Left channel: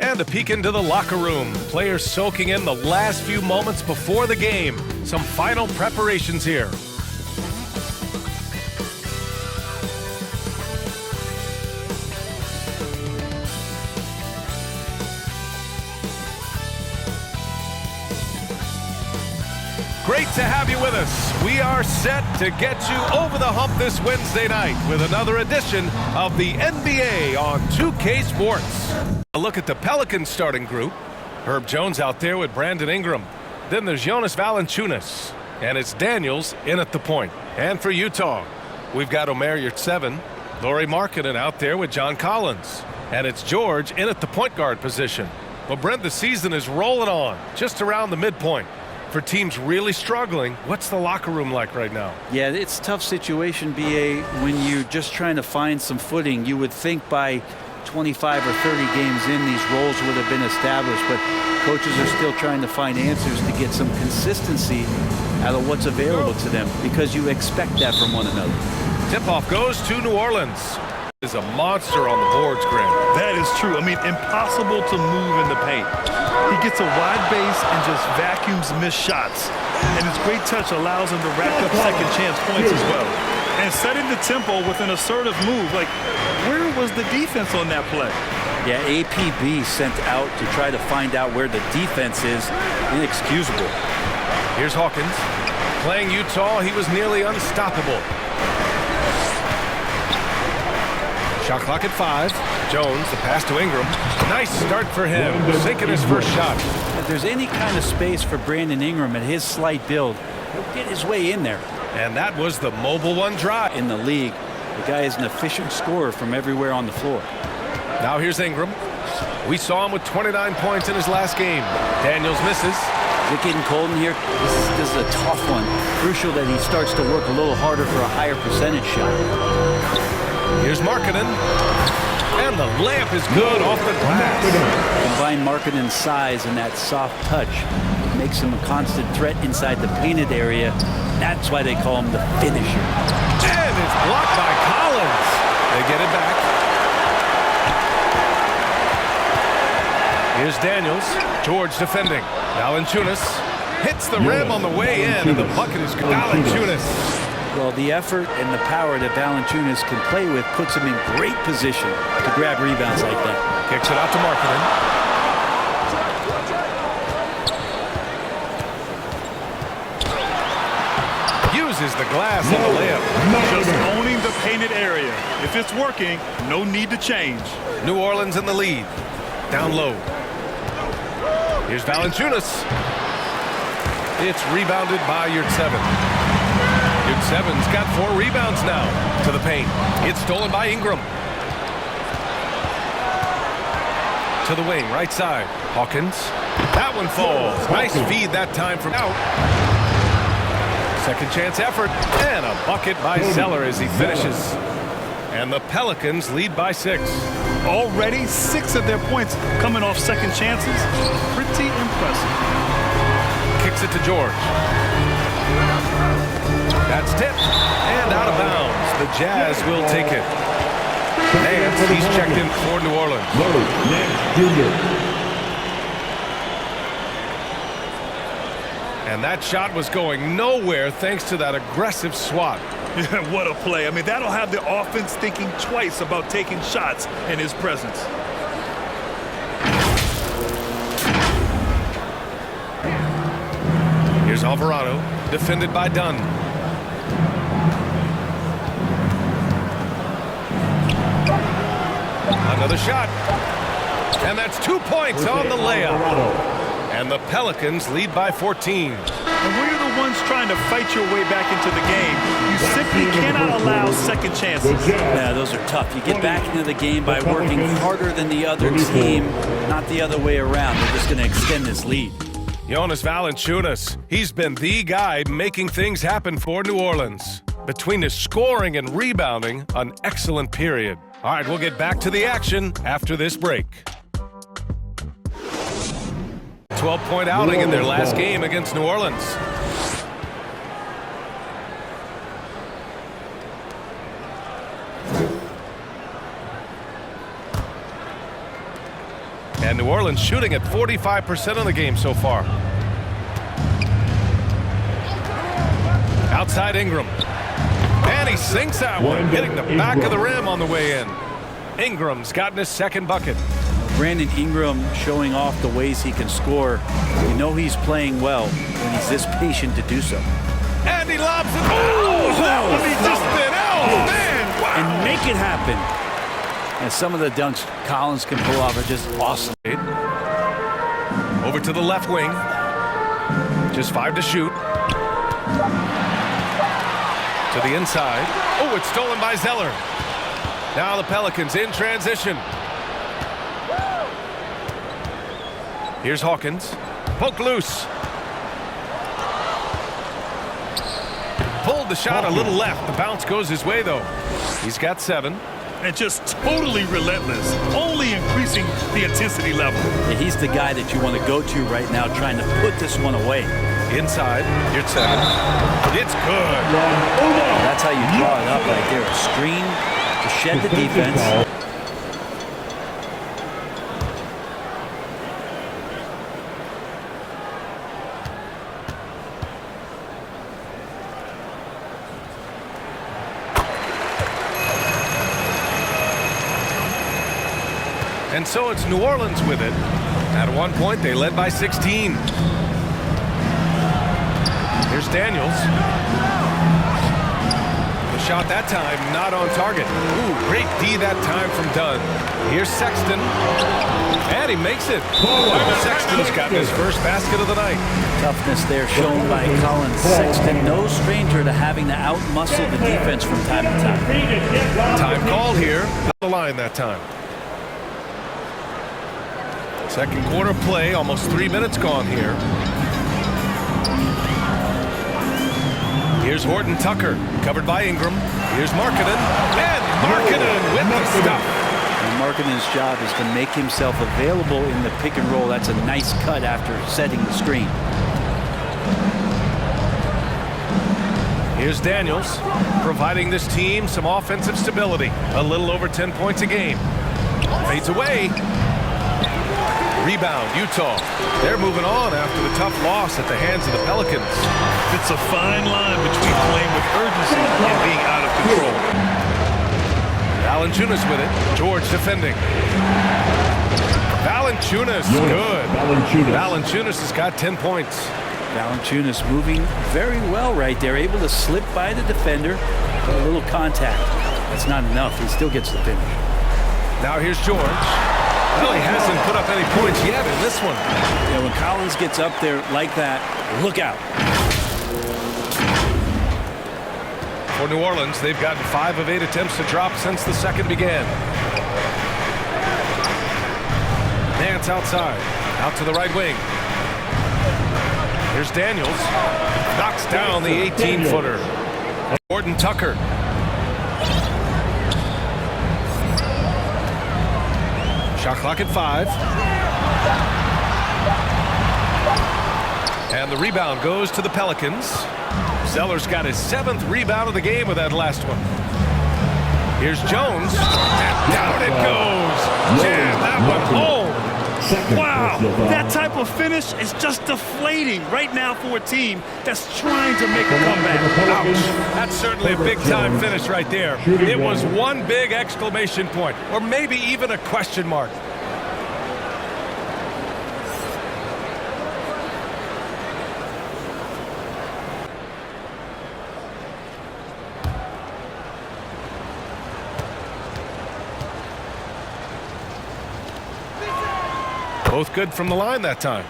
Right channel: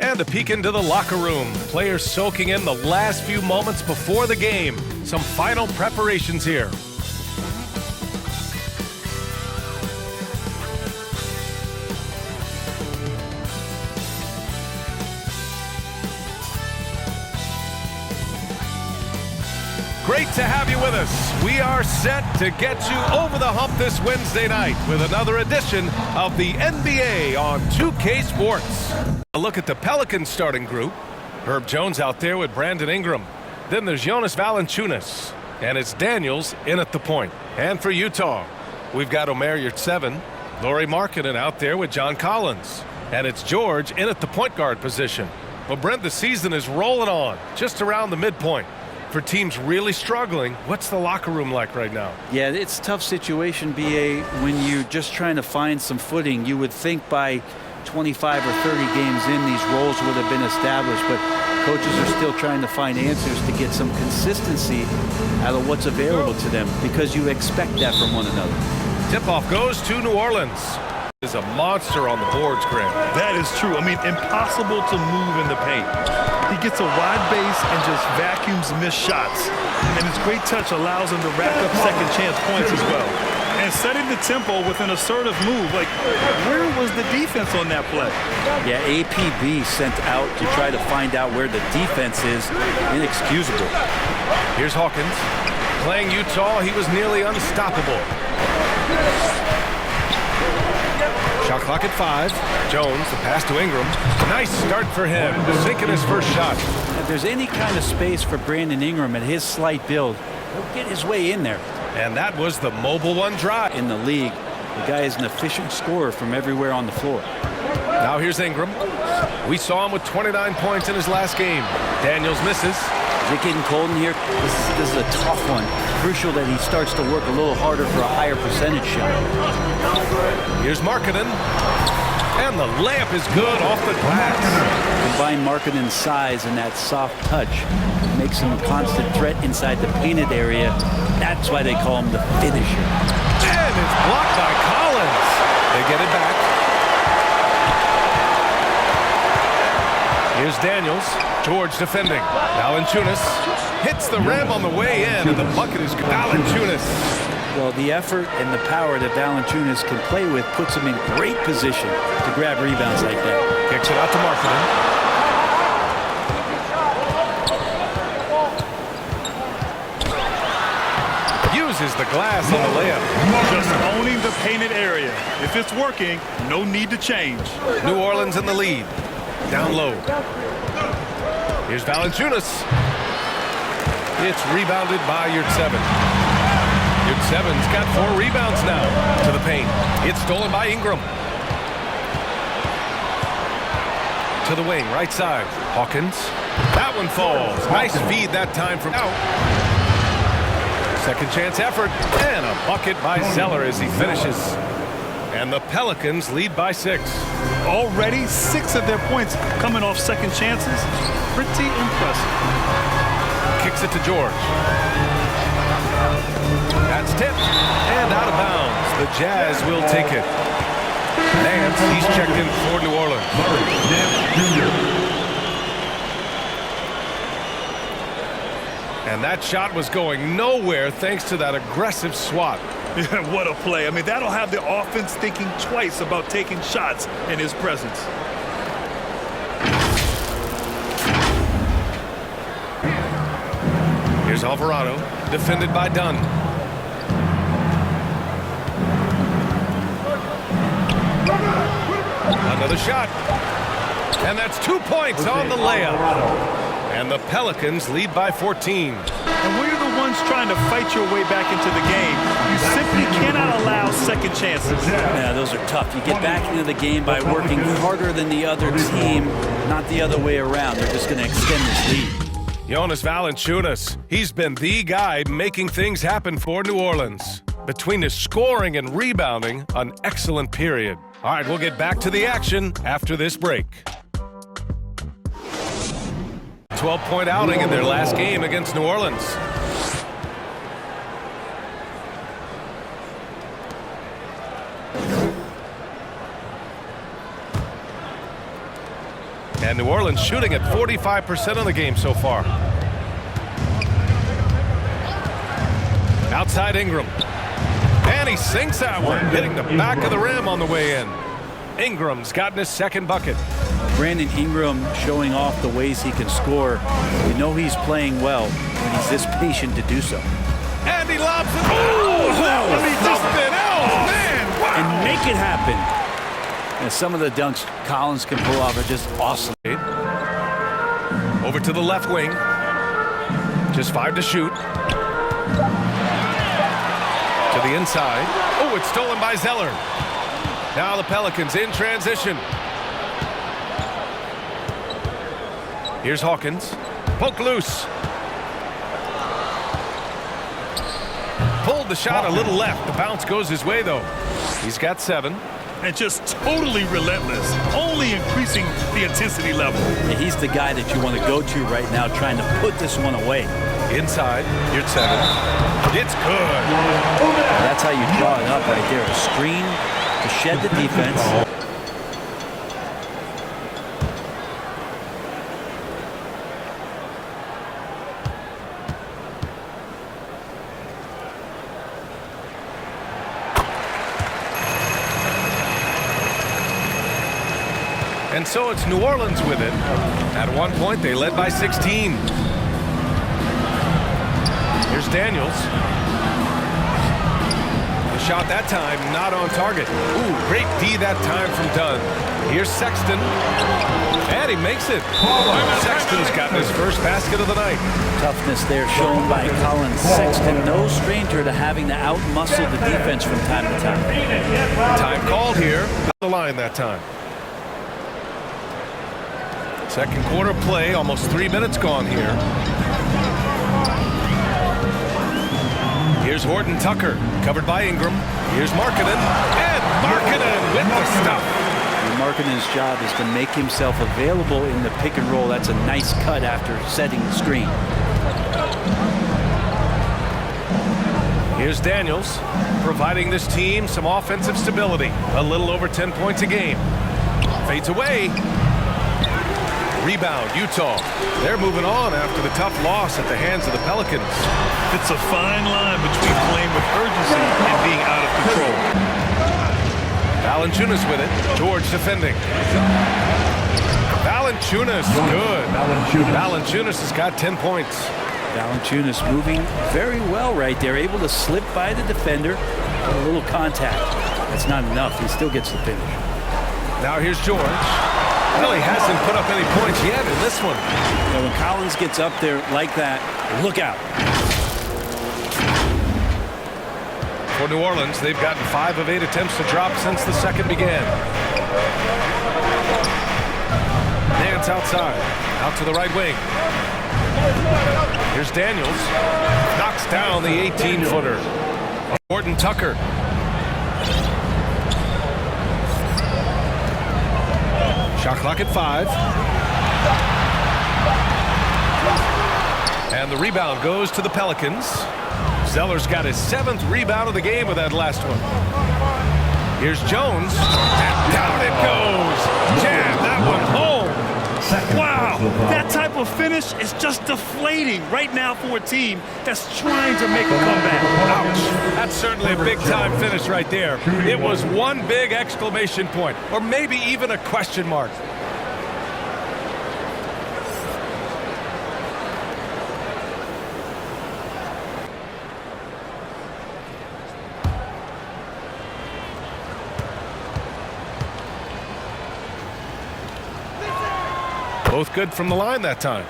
And a peek into the locker room. Players soaking in the last few moments before the game. Some final preparations here. Great to have you with us. We are set to get you over the hump this Wednesday night with another edition of the NBA on 2K Sports. A look at the Pelicans starting group. Herb Jones out there with Brandon Ingram. Then there's Jonas Valanciunas. And it's Daniels in at the point. And for Utah, we've got Omer Yurtseven, Lauri Markkanen out there with John Collins. And it's George in at the point guard position. Well, Brent, the season is rolling on just around the midpoint. For teams really struggling, what's the locker room like right now? Yeah, it's a tough situation, B.A., when you're just trying to find some footing. You would think by 25 or 30 games in, these roles would have been established, but coaches are still trying to find answers to get some consistency out of what's available to them, because you expect that from one another. Tip-off goes to New Orleans. Is a monster on the boards, Grant. That is true. I mean, impossible to move in the paint. He gets a wide base and just vacuums missed shots. And his great touch allows him to rack up second chance points as well. And setting the tempo with an assertive move. Like, where was the defense on that play? Yeah, APB sent out to try to find out where the defense is. Inexcusable. Here's Hawkins. Playing Utah, he was nearly unstoppable. Shot clock at 5. Jones, the pass to Ingram. Nice start for him, sinking his first shot. If there's any kind of space for Brandon Ingram at his slight build, he'll get his way in there. And that was the mobile one drive. In the league, the guy is an efficient scorer from everywhere on the floor. Now here's Ingram. We saw him with 29 points in his last game. Daniels misses. Is it getting cold in here? This is a tough one. Crucial that he starts to work a little harder for a higher percentage shot. Here's Markkanen. And the layup is good off the glass. Combine Markkanen's size and that soft touch makes him a constant threat inside the painted area. That's why they call him the finisher. And it's blocked by Collins. They get it back. Here's Daniels. George defending. Valanciunas hits the rim on the way in, and the bucket is good. Valanciunas. Well, the effort and the power that Valanciunas can play with puts him in great position to grab rebounds like that. Kicks it out to Markkanen. Uses the glass on the layup. Just owning the painted area. If it's working, no need to change. New Orleans in the lead. Down low. Here's Valanciunas. It's rebounded by Yurtseven. Yurtseven's got 4 rebounds now to the paint. It's stolen by Ingram. To the wing, right side. Hawkins. That one falls. Nice feed that time from out. Second chance effort. And a bucket by Zeller as he finishes. And the Pelicans lead by 6. Already 6 of their points coming off second chances. Pretty impressive. Kicks it to George. That's tipped and out of bounds. The Jazz will take it. Nance, he's checked in for New Orleans. And that shot was going nowhere thanks to that aggressive swat. Yeah, what a play. I mean, that'll have the offense thinking twice about taking shots in his presence. Here's Alvarado, defended by Dunn. Another shot. And that's 2 points on the layup. And the Pelicans lead by 14. And when you're the ones trying to fight your way back into the game, you simply cannot allow second chances. Yeah, those are tough. You get back into the game by working harder than the other team, not the other way around. They're just going to extend this lead. Jonas Valanciunas, he's been the guy making things happen for New Orleans. Between his scoring and rebounding, an excellent period. All right, we'll get back to the action after this break. 12-point outing in their last game against New Orleans. And New Orleans shooting at 45% of the game so far. Outside Ingram. And he sinks that one, hitting the back of the rim on the way in. Ingram's gotten his second bucket. Brandon Ingram showing off the ways he can score. You know he's playing well when he's this patient to do so. And he lobs it. Oh, that was something else, man. Wow. And make it happen. And some of the dunks Collins can pull off are just awesome. Over to the left wing. Just 5 to shoot. To the inside. Oh, it's stolen by Zeller. Now the Pelicans in transition. Here's Hawkins. Poke loose. Pulled the shot a little left. The bounce goes his way, though. He's got 7. And just totally relentless, only increasing the intensity level. Yeah, he's the guy that you want to go to right now, trying to put this one away. Inside, you're 7. It's good. That's how you draw it up right there. A screen to shed the defense. And so it's New Orleans with it. At one point, they led by 16. Here's Daniels. The shot that time not on target. Ooh, great D that time from Dunn. Here's Sexton. And he makes it. Sexton's gotten his first basket of the night. Toughness there shown by Collins. Sexton, no stranger to having to outmuscle the defense from time to time. Time called here. The line that time. Second quarter play, almost 3 minutes gone here. Here's Horton Tucker, covered by Ingram. Here's Markkanen, and Markkanen with the stuff. And Markkanen's job is to make himself available in the pick and roll. That's a nice cut after setting the screen. Here's Daniels, providing this team some offensive stability. A little over 10 points a game. Fades away. Rebound, Utah. They're moving on after the tough loss at the hands of the Pelicans. It's a fine line between playing with urgency and being out of control. Valanciunas with it. George defending. Valanciunas, good. Valanciunas has got 10 points. Valanciunas moving very well right there. Able to slip by the defender. Get a little contact. That's not enough. He still gets the finish. Now here's George. Well, he hasn't put up any points yet in this one. Yeah, when Collins gets up there like that, look out. For New Orleans, they've gotten 5 of 8 attempts to drop since the second began. Nance outside. Out to the right wing. Here's Daniels. Knocks down the 18-footer. Horton Tucker. Shot clock at 5. And the rebound goes to the Pelicans. Zeller's got his 7th rebound of the game with that last one. Here's Jones. And down it goes. Jam that one home. Wow, that type of finish is just deflating right now for a team that's trying to make a comeback. Ouch. That's certainly a big-time finish right there. It was one big exclamation point, or maybe even a question mark. Both good from the line that time.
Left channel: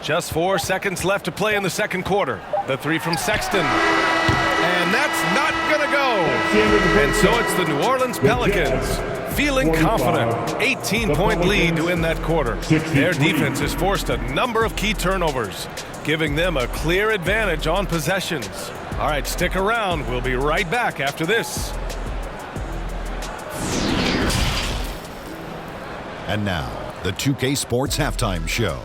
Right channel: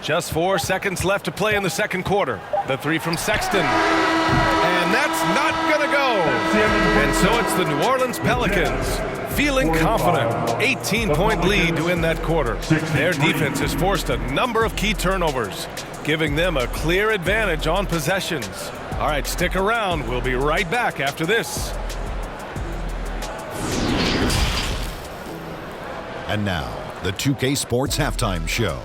Just 4 seconds left to play in the second quarter. The 3 from Sexton. And that's not going to go. And so it's the New Orleans Pelicans feeling confident. 18-point lead to end that quarter. Their defense has forced a number of key turnovers, giving them a clear advantage on possessions. All right, stick around. We'll be right back after this. And now, the 2K Sports Halftime Show.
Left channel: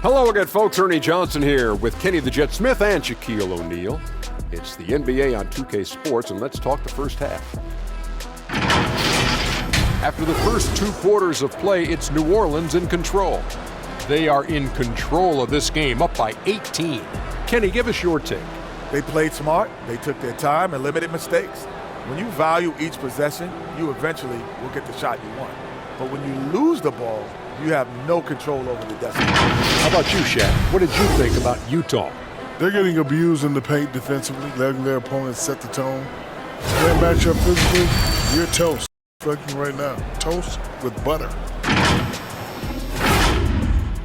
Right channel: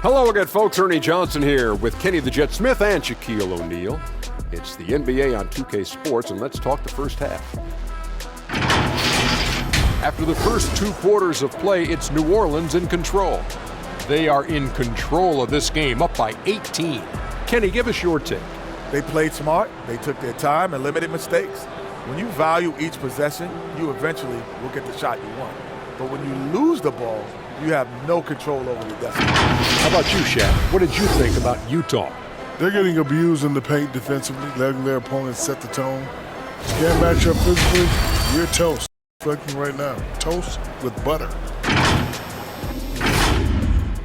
Hello again, folks. Ernie Johnson here with Kenny the Jet Smith and Shaquille O'Neal. It's the NBA on 2K Sports, and let's talk the first half. After the first 2 quarters of play, it's New Orleans in control. They are in control of this game, up by 18. Kenny, give us your take. They played smart, they took their time and limited mistakes. When you value each possession, you eventually will get the shot you want. But when you lose the ball, you have no control over the destiny. How about you, Shaq? What did you think about Utah? They're getting abused in the paint defensively, letting their opponents set the tone. Can't match up physically, you're toast. Reflecting right now, toast with butter.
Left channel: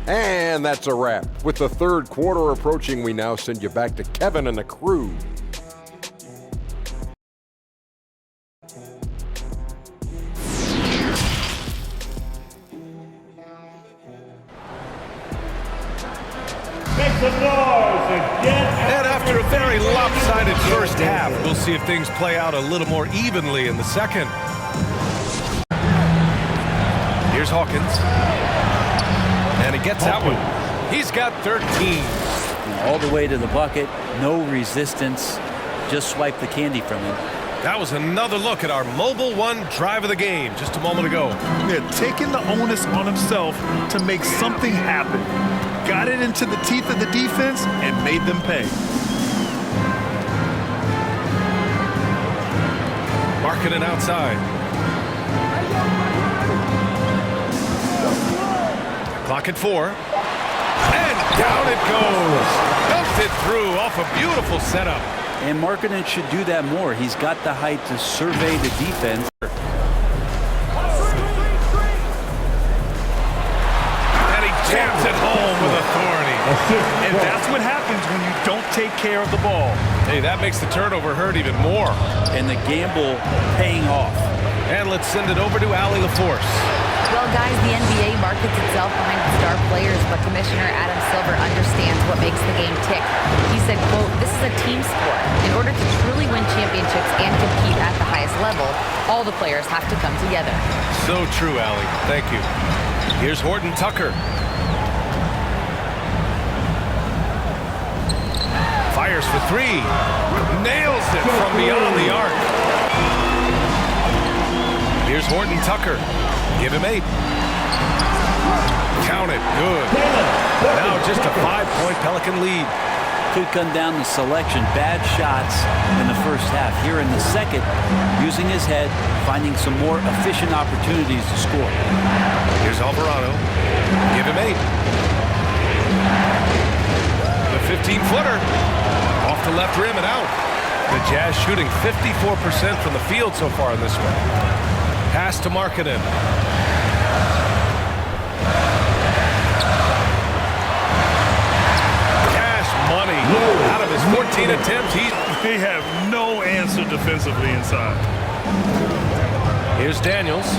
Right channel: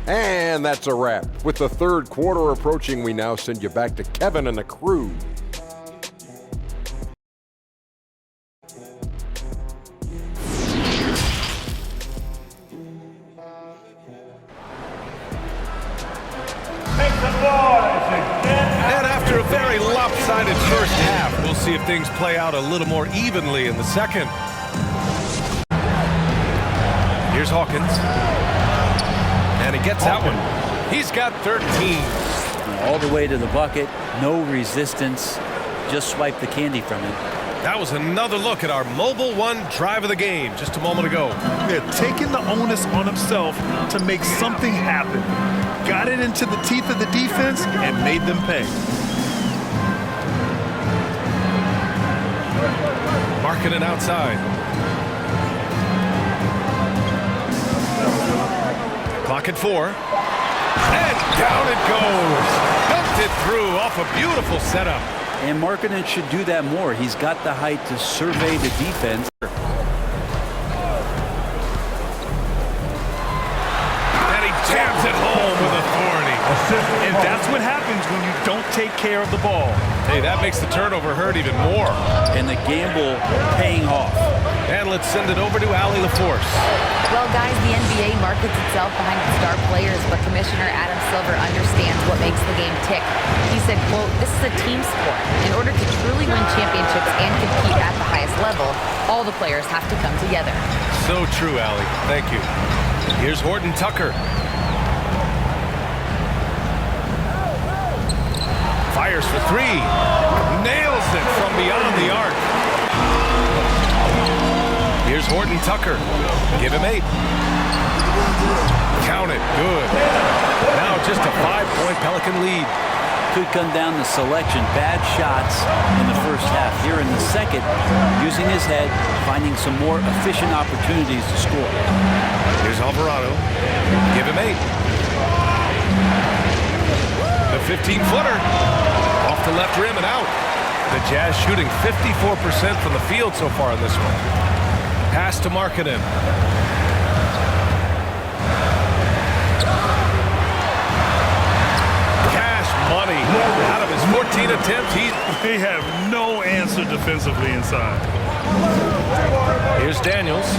And that's a wrap. With the third quarter approaching, we now send you back to Kevin and the crew. And after a very lopsided first half, we'll see if things play out a little more evenly in the second. Here's Hawkins. And he gets that one. He's got 13. All the way to the bucket, no resistance, just swipe the candy from him. That was another look at our Mobile One drive of the game just a moment ago. They're taking the onus on himself to make something happen. Got it into the teeth of the defense and made them pay. Marking it outside. Clock at 4. And down it goes. Dumped it through off a beautiful setup. And Markkanen should do that more. He's got the height to survey the defense. And he jams it home with authority. And that's what happens when you don't take care of the ball. Hey, that makes the turnover hurt even more. And the gamble paying off. And let's send it over to Allie LaForce. Well, guys, the NBA markets itself behind its star players, but Commissioner Adam Silver understands what makes the game tick. He said, quote, "This is a team sport. In order to truly win championships and compete at the highest level, all the players have to come together." So true, Allie. Thank you. Here's Horton Tucker. Fires for 3. Nails it from beyond the arc. Here's Horton Tucker. Give him 8. Count it. Good. Now just a 5-point Pelican lead. Could come down to selection. Bad shots in the first half. Here in the second, using his head, finding some more efficient opportunities to score. Here's Alvarado. Give him 8. The 15-footer. Off the left rim and out. The Jazz shooting 54% from the field so far in this one. Pass to Markkanen. Cash money. Out of his 14 attempts, They have no answer defensively inside. Here's Daniels.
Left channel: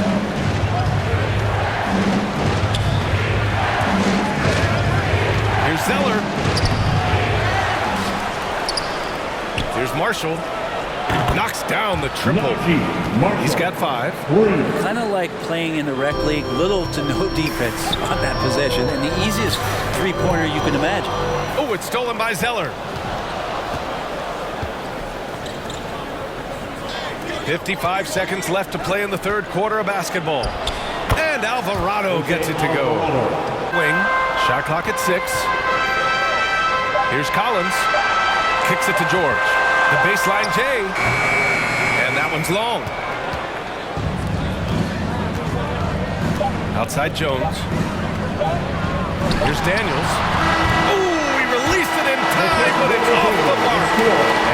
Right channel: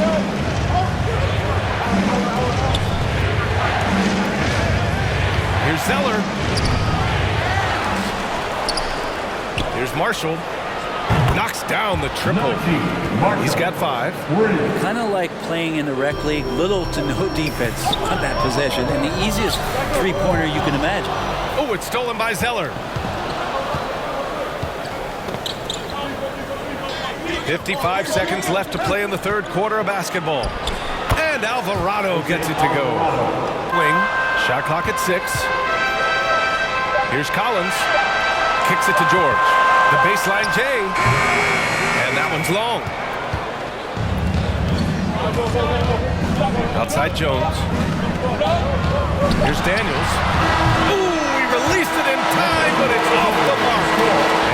Here's Zeller. Here's Marshall. Knocks down the triple. He's got 5. Kind of like playing in the rec league, little to no defense on that possession, and the easiest three-pointer you can imagine. Oh, it's stolen by Zeller. 55 seconds left to play in the third quarter of basketball. And Alvarado gets it to go. Wing, shot clock at 6. Here's Collins. Kicks it to George. The baseline J. And that one's long. Outside Jones. Here's Daniels. Ooh, he released it in time, but it's off the mark.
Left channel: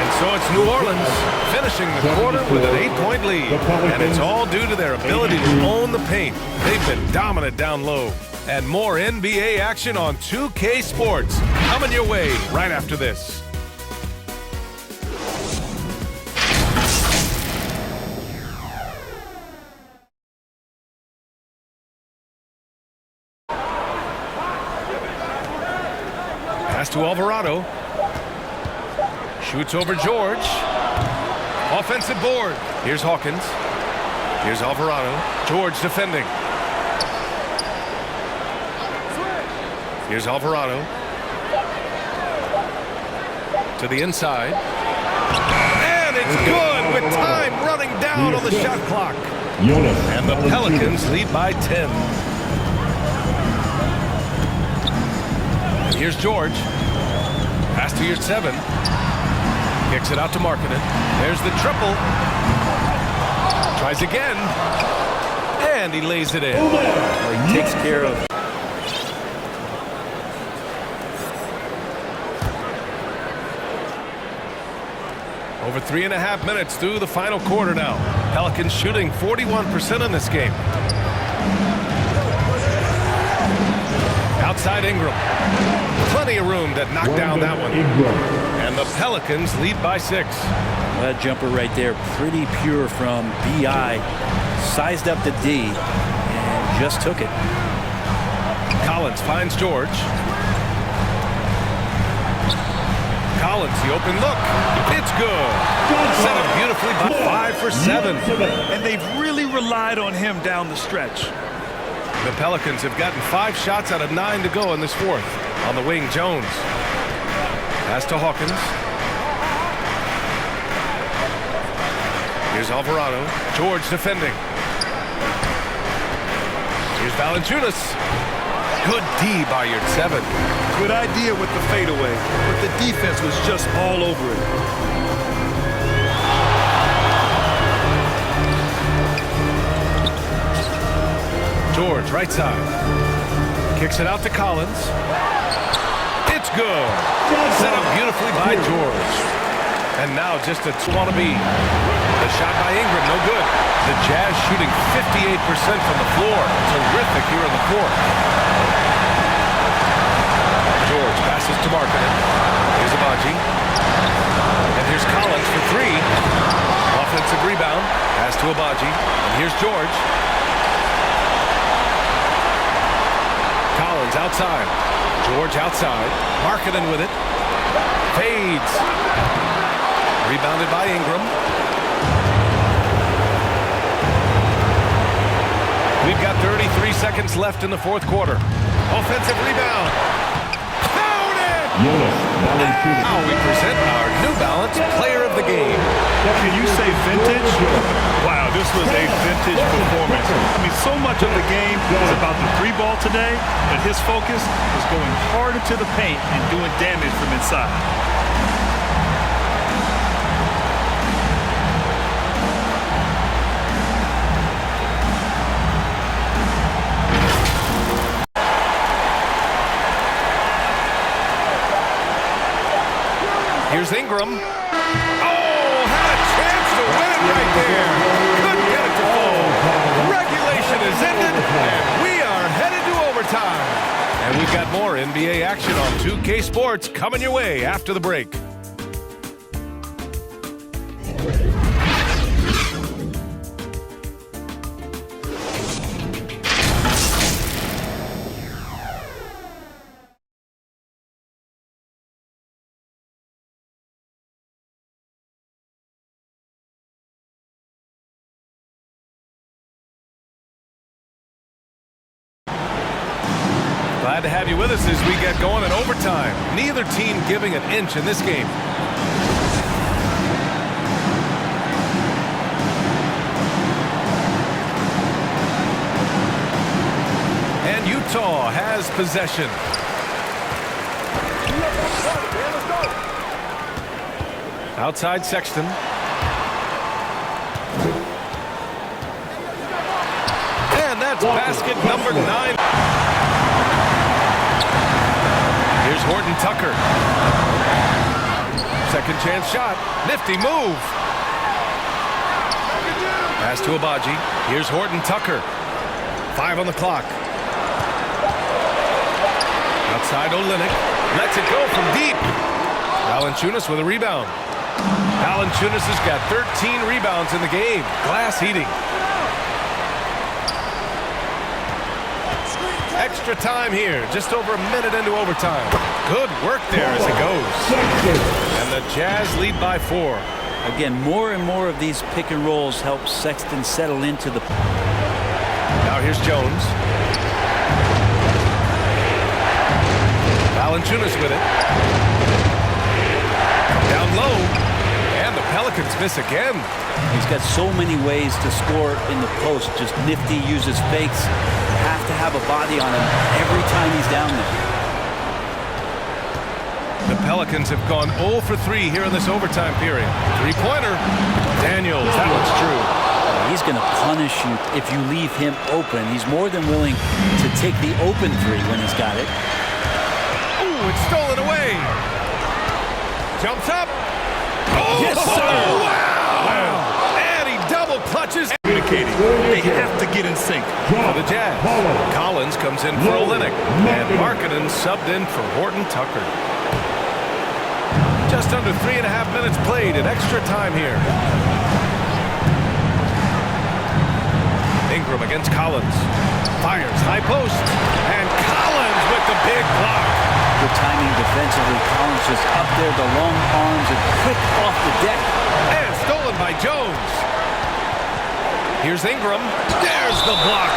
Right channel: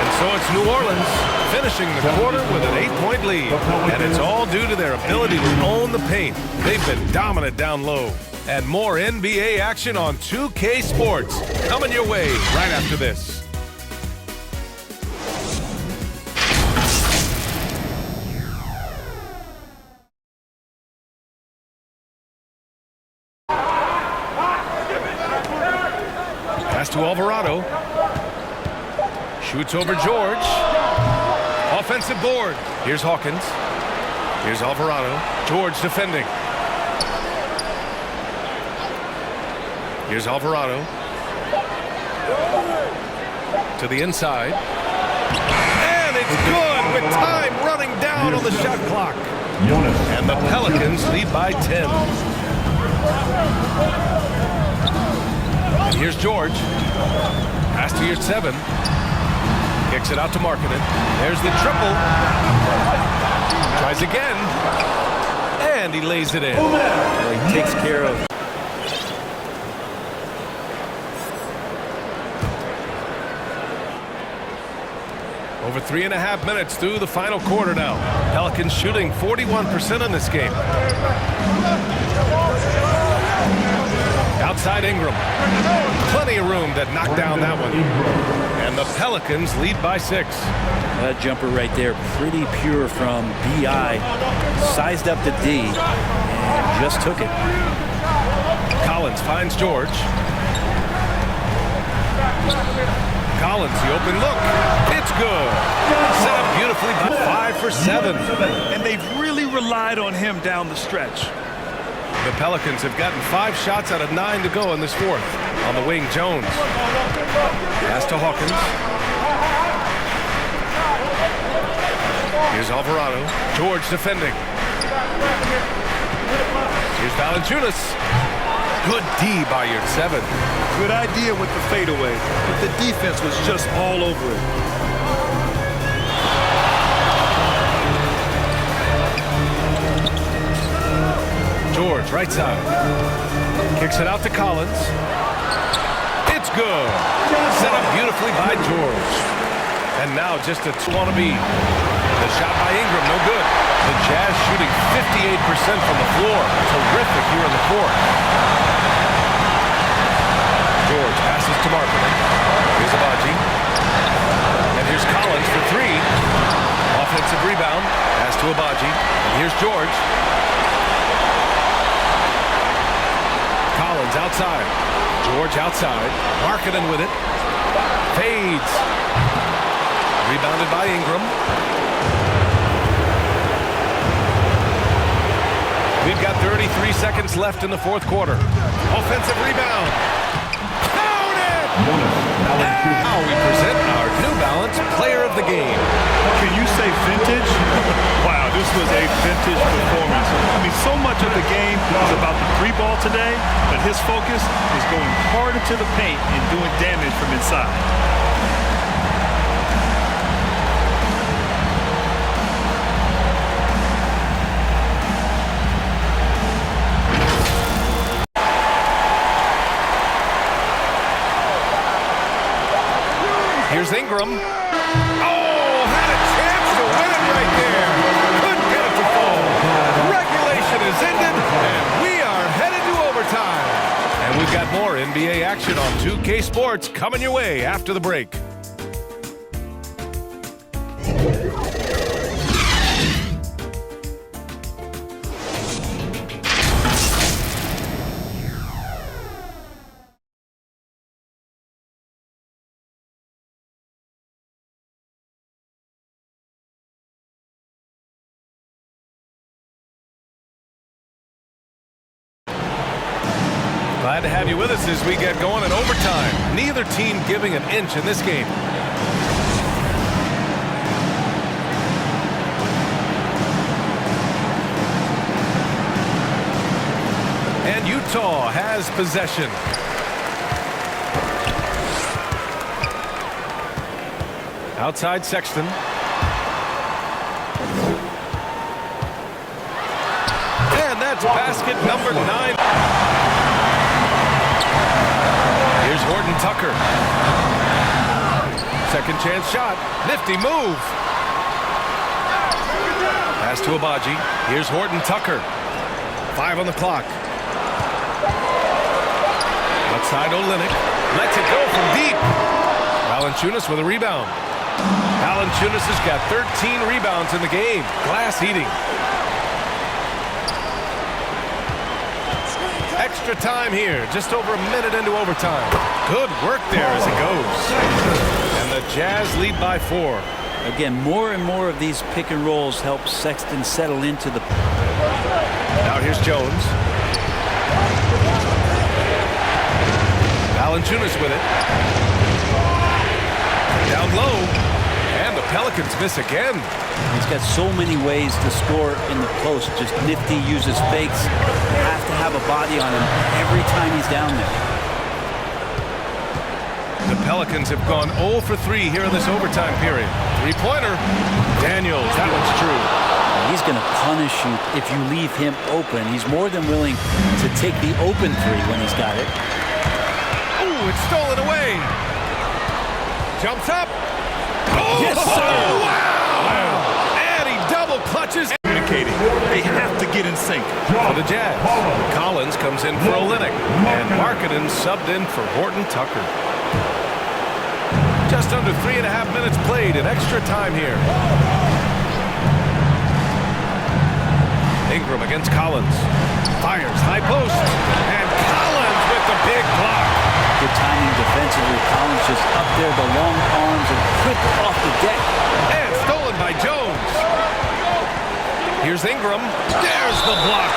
And so it's New Orleans finishing the quarter with an 8-point lead. And it's all due to their ability to own the paint. They've been dominant down low. And more NBA action on 2K Sports coming your way right after this. Pass to Alvarado. Shoots over George. Offensive board. Here's Hawkins. Here's Alvarado. George defending. Here's Alvarado. To the inside. And it's good with time running down on the shot clock. And the Pelicans lead by 10. And here's George. Pass to your 7. Kicks it out to Markkanen. There's the triple. Tries again. And he lays it in. Well, he takes care of. Over 3.5 minutes through the final quarter now. Pelicans shooting 41% in this game. Outside Ingram. Plenty of room to knock down that one. And the Pelicans lead by 6. That jumper right there, pretty pure from B.I. Sized up the D and just took it. Collins finds George. Collins, the open look. It's good. Set up beautifully by 5 for 7. And they've really relied on him down the stretch. The Pelicans have gotten 5 shots out of 9 to go in this fourth. On the wing, Jones. Pass to Hawkins. Here's Alvarado. George defending. Here's Valanciunas. Good D by your 7. Good idea with the fadeaway, but the defense was just all over it. George, right side. Kicks it out to Collins. It's good. Set up beautifully by George. And now just a wannabe. The shot by Ingram, no good. The Jazz shooting 58% from the floor. Terrific here in the fourth. George passes to Markkanen. Here's Abaji. And here's Collins for 3. Offensive rebound. Pass to Abaji. And here's George. Collins outside. George outside. Markkanen with it. Fades. Rebounded by Ingram. We've got 33 seconds left in the fourth quarter. Offensive rebound. Now we present our New Balance Player of the Game. Can you say vintage? Wow, this was a vintage performance. I mean, so much of the game was about the 3-ball today, but his focus was going hard into the paint and doing damage from inside. Here's Ingram. Oh, had a chance to win it right there. Couldn't get it to fall. Regulation is ended, and we are headed to overtime. And we've got more NBA action on 2K Sports coming your way after the break. Glad to have you with us as we get going in overtime. Neither team giving an inch in this game. And Utah has possession. Outside Sexton. And that's basket number 9. Here's Horton Tucker. Second chance shot. Nifty move. Pass to Abaji. Here's Horton Tucker. 5 on the clock. Outside Olynyk. Lets it go from deep. Valanciunas with a rebound. Valanciunas has got 13 rebounds in the game. Glass eating. Extra time here, just over a minute into overtime. Good work there as it goes. And the Jazz lead by 4. Again, more and more of these pick and rolls help Sexton settle into the... Now here's Jones. Valanciunas with it. Down low. And the Pelicans miss again. He's got so many ways to score in the post. Just nifty, uses fakes. You have to have a body on him every time he's down there. The Pelicans have gone 0 for 3 here in this overtime period. Three-pointer. Daniels, that one's true. He's going to punish you if you leave him open. He's more than willing to take the open three when he's got it. Oh, it's stolen away. Jumps up. Oh, Yes, sir. Wow. And he double clutches. Communicating. They have to get in sync. For the Jazz, Collins comes in for Olynyk. And Markkanen subbed in for Horton Tucker. Just under 3.5 minutes played in extra time here. Ingram against Collins. Fires high post. And Collins with the big block. Good timing defensively. Collins just up there, the long arms, and quick off the deck. And stolen by Jones. Here's Ingram. There's the block.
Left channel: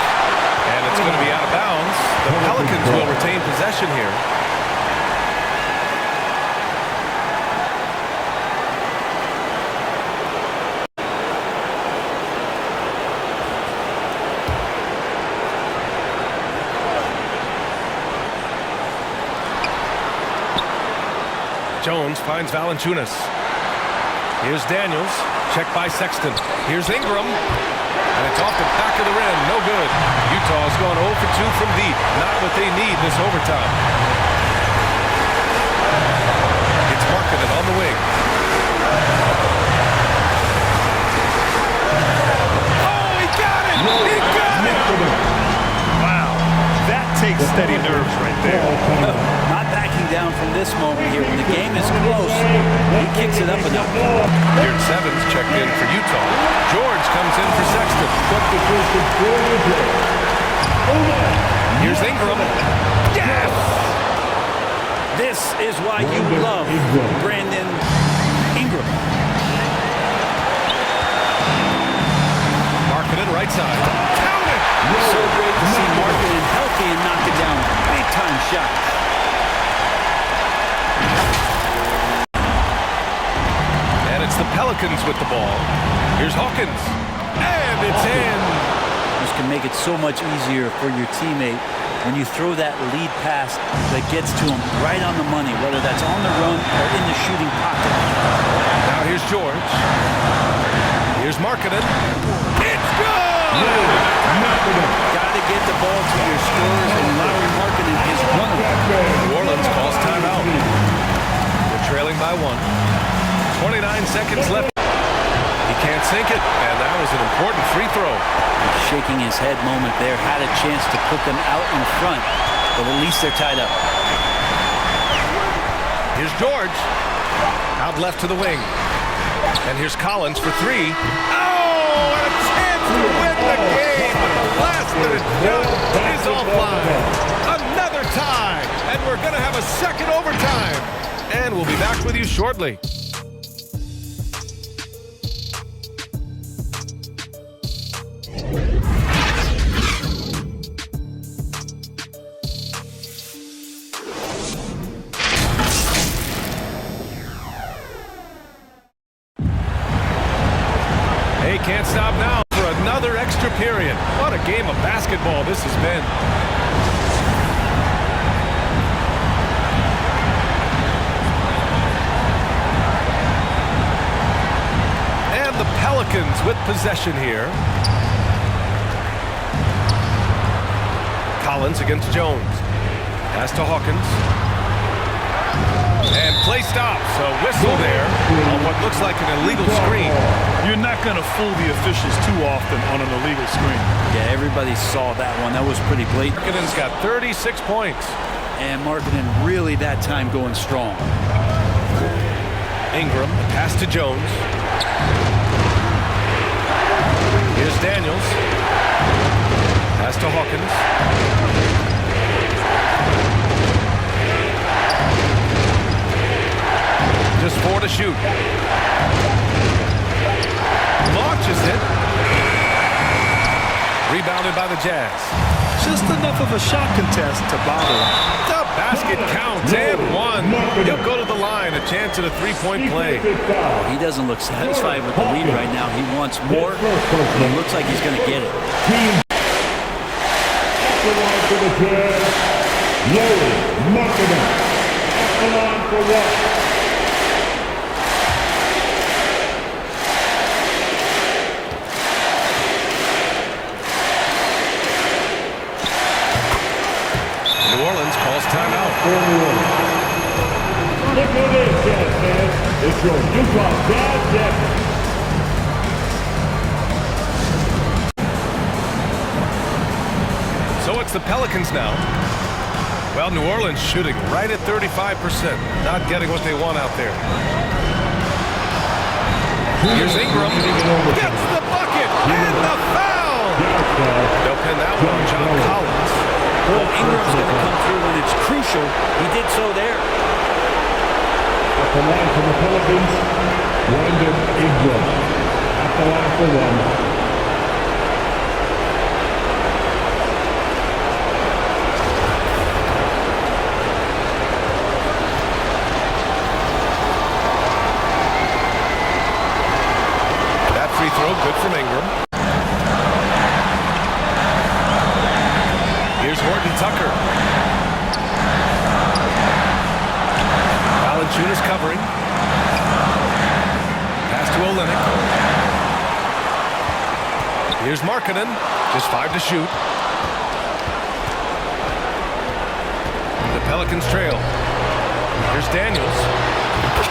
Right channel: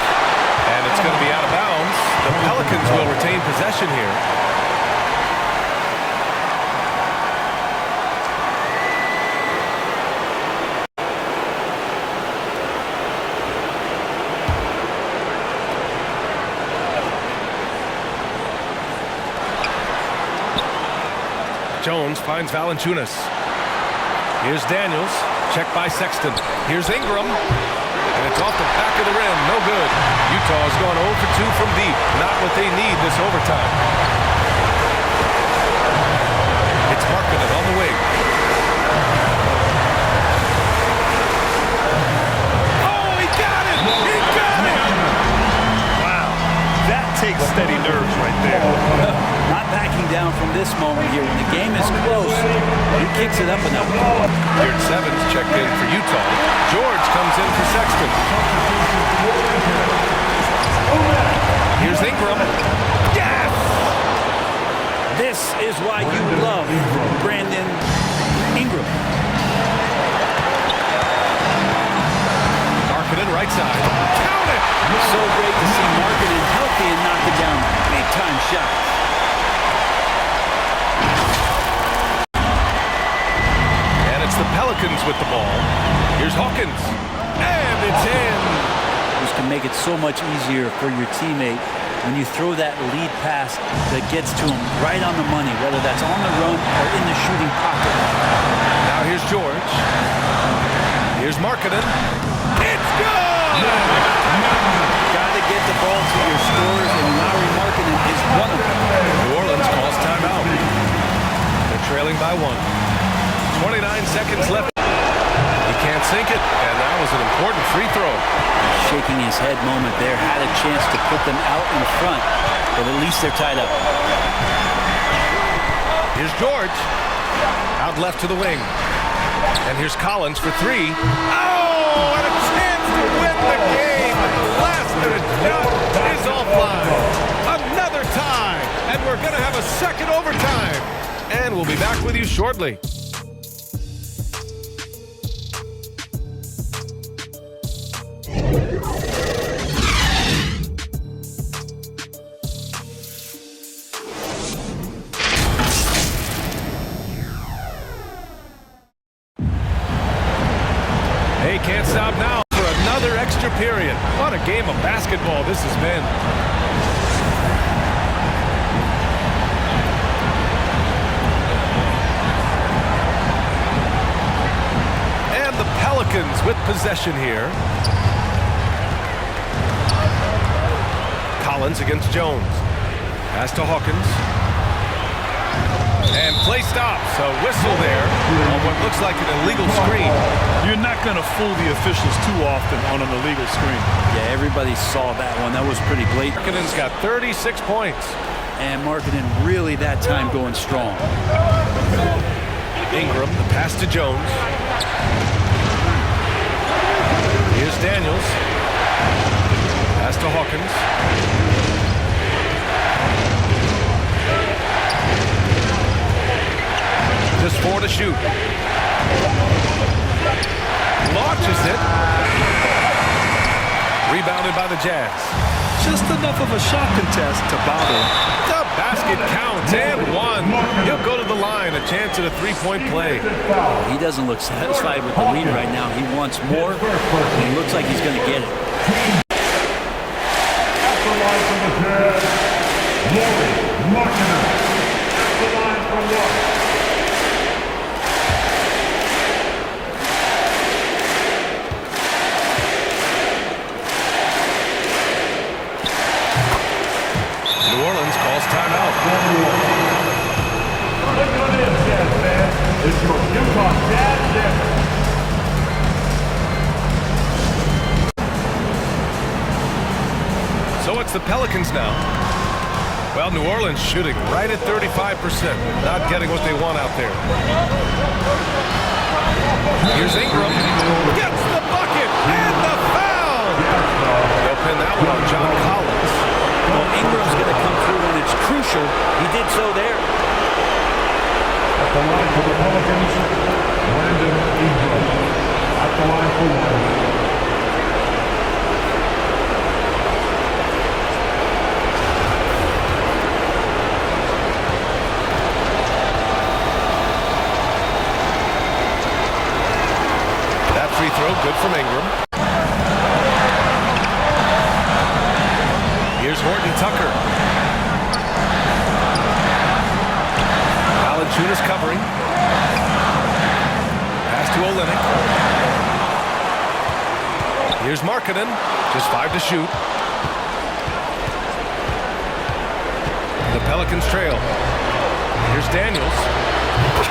And it's going to be out of bounds. The Pelicans will retain possession here. Jones finds Valanciunas. Here's Daniels. Checked by Sexton. Here's Ingram. And it's off the back of the rim. No good. Utah's gone 0 for 2 from deep. Not what they need this overtime. It's Markkanen on the wing. Oh, he got it! He got it! Wow. That takes steady nerves right there. Not backing down from this moment here. When the game is close, he kicks it up a notch. Beard Sevens checked in for Utah. George comes in for Sexton. Here's Ingram. Yes! This is why you love Brandon Ingram. Markkanen right side. Count it! So great to see Markkanen healthy and knocking down big-time shots. And it's the Pelicans with the ball. Here's Hawkins. And it's in. This can make it so much easier for your teammate when you throw that lead pass that gets to him right on the money, whether that's on the run or in the shooting pocket. Now here's George. Here's Markkanen. It's good! Got to get the ball to your scorers, and Lauri Markkanen is one of them. New Orleans calls timeout. They're trailing by 1. 29 seconds left. He can't sink it, and that was an important free throw. Shaking his head moment there, had a chance to put them out in front, but at least they're tied up. Here's George. Out left to the wing. And here's Collins for 3. Oh, and a chance to win the game, but the last-minute shot is offline. Another tie, and we're going to have a second overtime. And we'll be back with you shortly. Hey, can't stop now for another extra period. What a game of basketball this has been. And the Pelicans with possession here. Collins against Jones. Pass to Hawkins. And play stops. A whistle there on what looks like an illegal screen. You're not going to fool the officials too often on an illegal screen. Yeah, everybody saw that one. That was pretty blatant. Markkanen's got 36 points. And Markkanen really that time going strong. Ingram, the pass to Jones. Here's Daniels. Pass to Hawkins. Just 4 to shoot. Launches it. Rebounded by the Jazz. Just enough of a shot contest to bother. The Basket count and one. He'll go to the line. A chance at a three-point play. Well, he doesn't look satisfied with the lead right now. He wants more, and he looks like he's going to get it. New Orleans calls timeout. Look on in, Jazz fans. It's your Utah Jazz champion. So it's the Pelicans now. Well, New Orleans shooting right at 35%. Not getting what they want out there. Here's Ingram. Gets the bucket and the foul. They'll pin that one on John Collins. Well, Ingram's going to come through when it's crucial. He did so there. At the line for the Pelicans, Brandon Ingram. At the line for one. That free throw good from Ingram. Here's Horton Tucker. Valanciunas covering. Pass to Olynyk. Here's Markkanen. Just 5 to shoot. The Pelicans trail. Here's Daniels.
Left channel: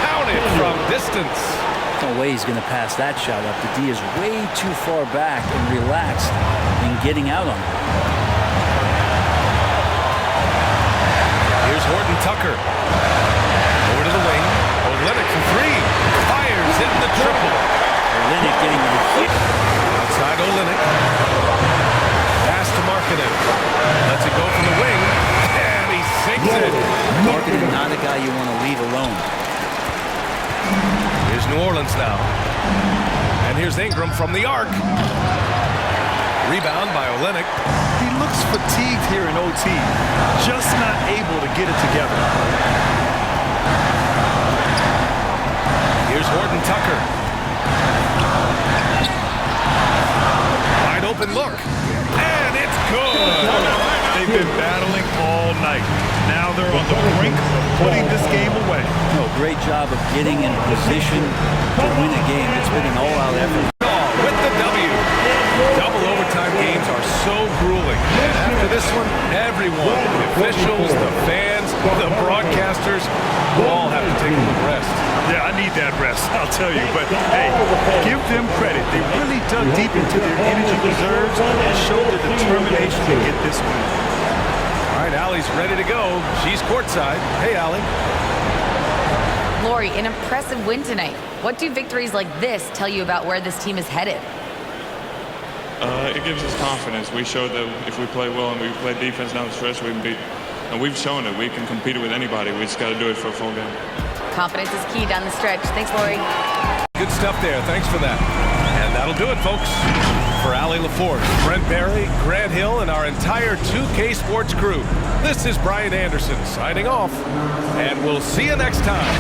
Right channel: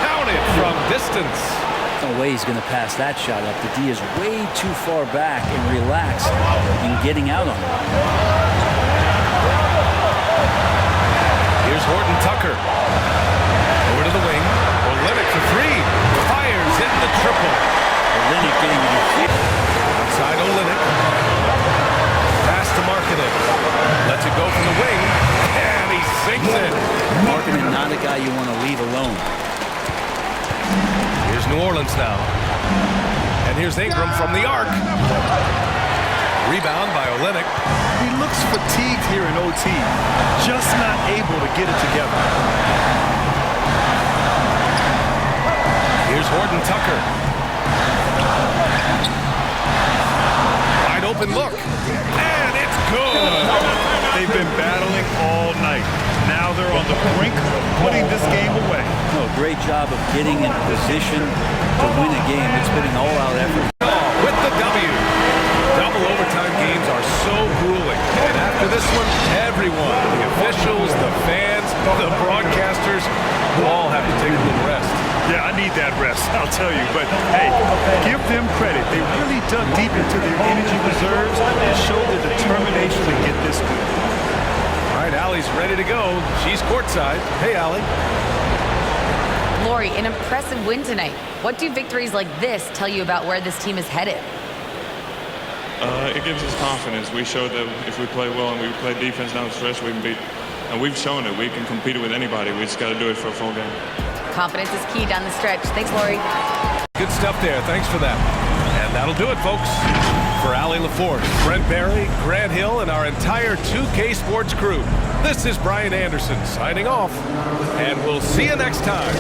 Counted from distance. No way he's going to pass that shot up. The D is way too far back and relaxed in getting out on it. Here's Horton Tucker. Over to the wing. Olynyk for three. Fires, hitting the triple. Olynyk getting a hit. Outside Olynyk. Pass to Markkanen. Lets it go from the wing. And he sinks it. Markkanen, not a guy you want to leave alone. Here's New Orleans now. And here's Ingram from the arc. Rebound by Olynyk. He looks fatigued here in OT, just not able to get it together. Here's Horton Tucker. Wide open look. And it's good. They've been battling all night. Now they're on the brink of putting this game away. No, great job of getting in position to win a game. It's been an all-out effort. With the W. Double overtime games are so grueling. And after this one, everyone, the officials, the fans, the broadcasters, will all have to take a little rest. Yeah, I need that rest, I'll tell you. But, hey, give them credit. They really dug deep into their energy reserves and showed their determination to get this win. All right, Allie's ready to go. She's courtside. Hey, Allie. Lori, an impressive win tonight. What do victories like this tell you about where this team is headed? It gives us confidence. We showed that if we play well and we play defense down the stretch, we can beat. And we've shown it. We can compete with anybody. We just got to do it for a full game. Confidence is key down the stretch. Thanks, Lori. Good stuff there. Thanks for that. And that'll do it, folks. For Allie LaForce, Brent Barry, Grant Hill, and our entire 2K Sports crew, this is Brian Anderson signing off. And we'll see you next time.